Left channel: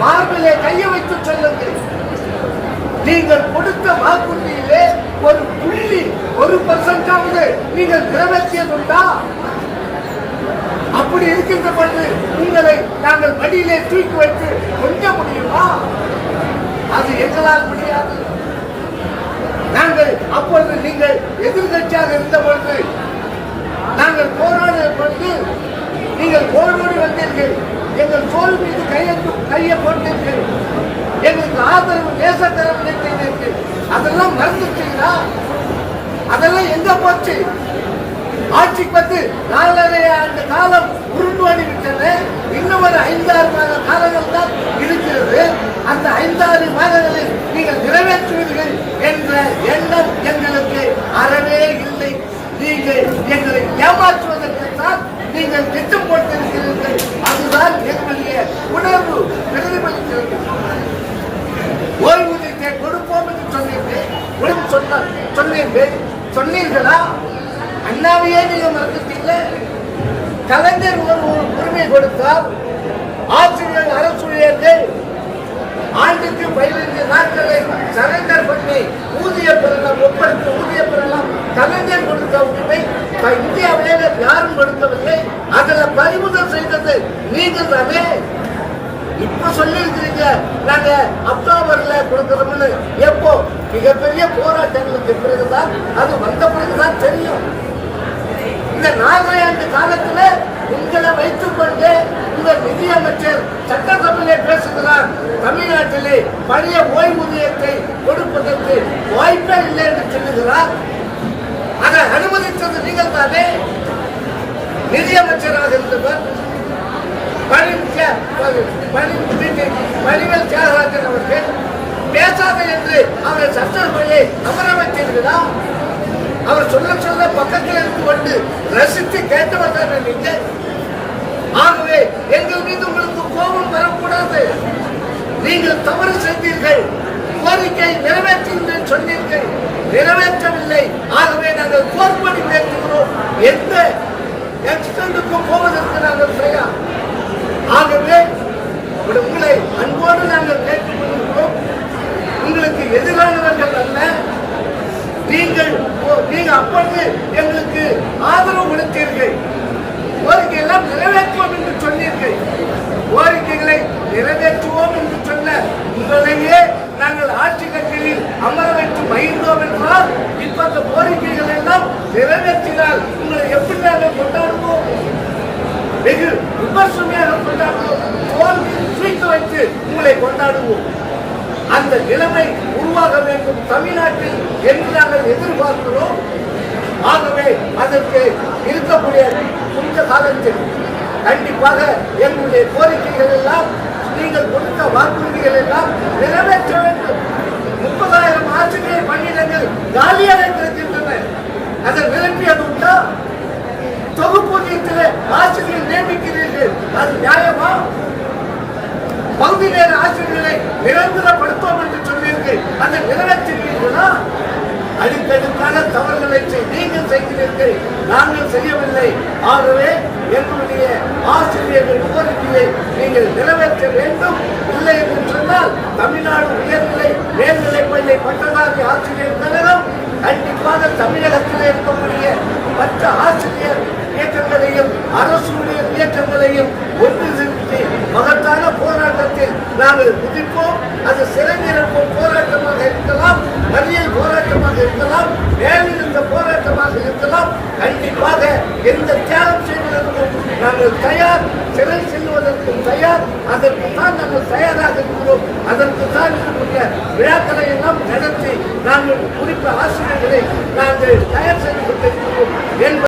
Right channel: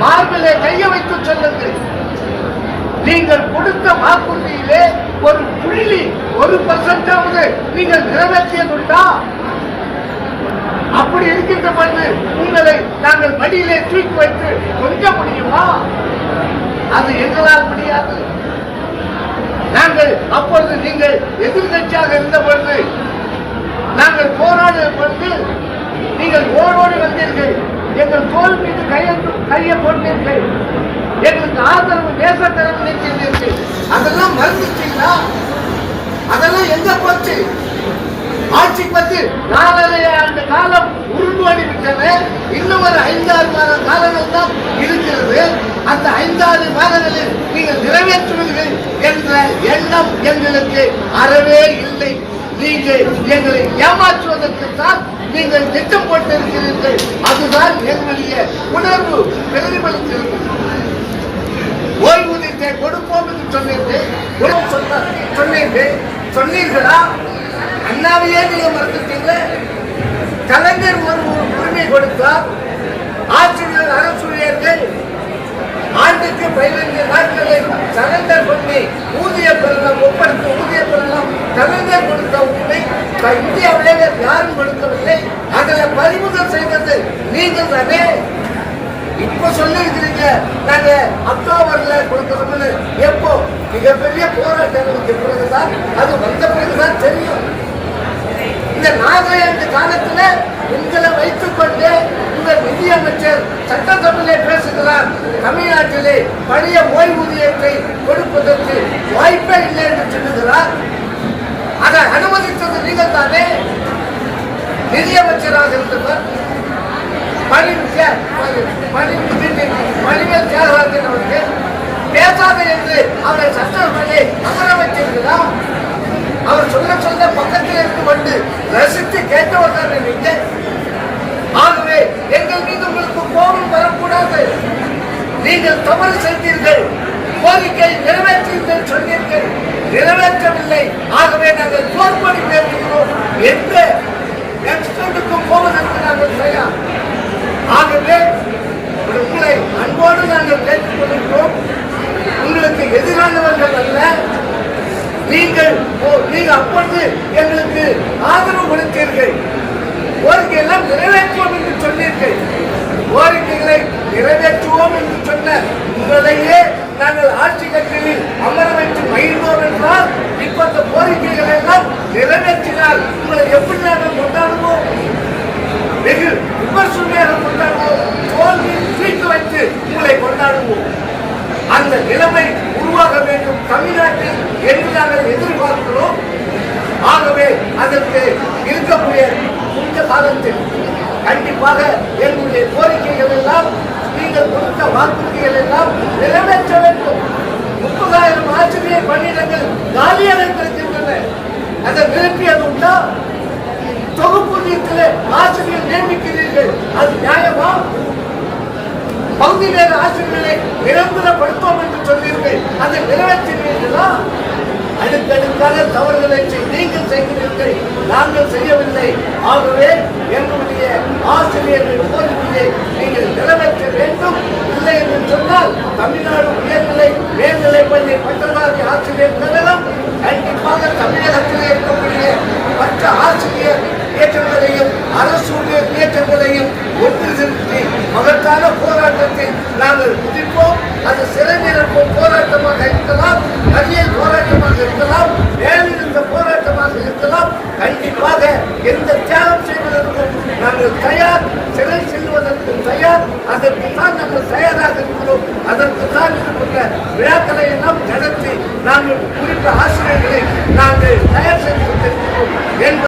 மார்பிலே கையை வைத்து சொல்லுங்கள். நீங்கள் கொடுத்த வாக்குறுதியிலே ஒரு புள்ளி ஒரு பர்சன்டாவது நீங்கள் நிறைவேற்றியதுண்டா? அப்படி இருக்கின்ற பொழுது உங்களை நாங்கள் மடியிலே தூக்கி வைத்து கொஞ்ச முடியுமா? அது எங்களால் முடியாது. நாங்கள் அப்பொழுது நீங்கள் எதிர்கட்சியாக இருந்த பொழுது நாங்கள் போராடிய பொழுது நீங்கள் ஓடோடி வந்தீர்கள் எங்கள் தோல் மீது கையை கையை போட்டீர்கள் எங்களுக்கு ஆதரவு நேசக்கரம் நிற்கிறீர்கள் அதெல்லாம் மறந்துட்டீங்களா? அதெல்லாம் எங்க போச்சு? ஆட்சி பத்து நாலரை ஆண்டு காலம் உருண்டோடி விட்டன இன்னும் ஒரு ஐந்தாறு மாத காலங்கள் தான் இருக்கிறது. அந்த ஐந்தாறு மாதங்களில் நீங்கள் நிறைவேற்றுவீர்கள் என்ற எண்ணம் எங்களுக்கு அறவே இல்லை. நீங்கள் எங்களை ஏமாற்றுவதற்கு தான் நீங்கள் திட்டம் போட்டிருக்கிறீர்கள். எங்களுடைய உணர்வு பிரதிபலிக்கிறது ஓய்வூதியத்தை கொடுப்போம் என்று சொன்னீர்கள் உடம்பு சொன்ன சொன்னீர்கள் சொன்னீர்களா? அண்ணாவையே நீங்க மறந்துட்டீங்களே? கலைஞர் ஒரு உரிமை கொடுத்தார். ஆசிரியர் அரசூழியர்கள் ஆண்டுக்கு பதினைந்து நாட்களை சரண்டர் பண்ணி ஊதிய பெறலாம் ஒப்படைத்து ஊதிய பெறலாம். கலைஞர் கொடுத்த உரிமை இந்தியாவிலே யாரும் கொடுக்கவில்லை. அதில் பறிமுதல் செய்தது நீங்கள் தானே? இப்ப சொல்லிருக்கிறீங்க நாங்க அக்டோபர்ல கொடுக்கறோம்னு. எப்போ? மிகப்பெரிய போராட்டங்களுக்கு பிறகுதான் அது வந்த பிறகுதான் தெரியும். இந்த நாகாலாந்து காலத்துல உங்களை வைத்துக் கொண்டு இந்த நிதியமைச்சர் சட்டசபையிலே பேசுகிறார். தமிழ்நாட்டிலே பழைய ஓய்வூதியத்தை கொடுப்பதற்கு வாய்ப்பே இல்லை என்று சொல்லுகிறார். அதை அனுமதித்தது நீங்கள் தானே? நிதியமைச்சராக இருந்தவர் பணிவேல் தியாகராஜன் அவர்கள். பேசாத என்று அவரை சட்டசபையை அமர வைத்தீர்களா அவர் சொல்ல சொல்ல பக்கத்தில் இருந்து கொண்டு ரசித்து கேட்டவர் தான் நீங்கள் ஆகவே எங்கள் மீது உங்களுக்கு கோபம் வரக்கூடாது. நீங்கள் தவறு செய்தீர்கள். கோரிக்கை நிறைவேற்றீர்கள் சொன்னீர்கள். நிறைவேற்றவில்லை. ஆகவே நாங்கள் கோர்ப்படி மேற்கொள்வோம் எந்த எக்ஸ்டெண்டுக்கும் போவதற்கு நாங்கள் செய்யலாம் ஆகவே உங்களை அன்போடு நாங்கள் கேட்டுக்கொள்கிறோம் உங்களுக்கு எதிரானவர்கள் அல்ல. நீங்கள் ஓ- நீங்க அப்பொழுது எங்களுக்கு ஆதரவு கொடுத்தீர்கள். கோரிக்கை எல்லாம் நிறைவேற்றுவோம் என்று சொன்னீர்கள். கோரிக்கைகளை நிறைவேற்ற என்று சொன்ன உங்களையே நாங்கள் ஆட்சி கட்சியில் அமர வைத்து மகிழ்ந்தோம் என்றால் இப்ப இந்த கோரிக்கைகள் எல்லாம் நிறைவேற்றினால் உங்களை எப்படி நாங்கள் கொண்டாடுவோம் வெகு விமர்சனையாக கொண்டாடுவோம் தோல்வியில் தூக்கி வைத்து உங்களை கொண்டாடுவோம். அந்த நிலைமை உருவாக வேண்டும். தமிழ்நாட்டில் என்று நாங்கள் எதிர்பார்க்கிறோம். ஆகவே அதற்கு இருக்கக்கூடிய கொஞ்ச காலத்தில் கண்டிப்பாக எங்களுடைய கோரிக்கைகள் எல்லாம் நீங்கள் கொடுத்த வாக்குறுதிகள் எல்லாம் நிறைவேற்ற வேண்டும். நியமிக்கிறீர்கள் அது நியாயமா? பகுதி நேர ஆசிரியர்களை நிரந்தரப்படுத்தோம் என்று சொன்னீர்கள். அதை நிறைவேற்றுவீர்களா அடுக்கடுக்கான தவறுகளை நீங்கள் செய்கிறீர்கள். நாங்கள் செய்யவில்லை. ஆகவே எங்களுடைய ஆசிரியர்கள் கோரிக்கையை நீங்கள் நிறைவேற்ற வேண்டும். இல்லை என்று சொன்னால் தமிழ்நாடு உயர்நிலை மேல்நிலை பள்ளி பட்டதாரி ஆசிரியர் கழகம் கண்டிப்பாக தமிழகத்தில் இருக்கக்கூடிய மற்ற ஆசிரியர் இயக்கங்களையும் அரசு ஊழியர் இயக்கங்களையும் ஒன்று நிறுத்தி மகத்தான போராட்டத்தை நாங்கள் குதிப்போம் அது சிறை நிரப்பும் போராட்டமாக இருக்கலாம் கல்வியல் போராட்டமாக இருக்கலாம் மேலிருந்த போராட்டமாக இருக்கலாம். கண்டிப்பாக எந்த தியாகம் செய்வதற்கும் நாங்கள் தயார் சிறை செல்வதற்கு தயார் அதற்கு தான் நாங்கள் தயாராக இருக்கிறோம். அதற்கு தான் இருக்கின்ற விழாக்களை எல்லாம் நடத்தி நாங்கள் குறித்த ஆசிரியர்களை நாங்கள் தயார் செய்து கொண்டிருக்கிறோம். என்பது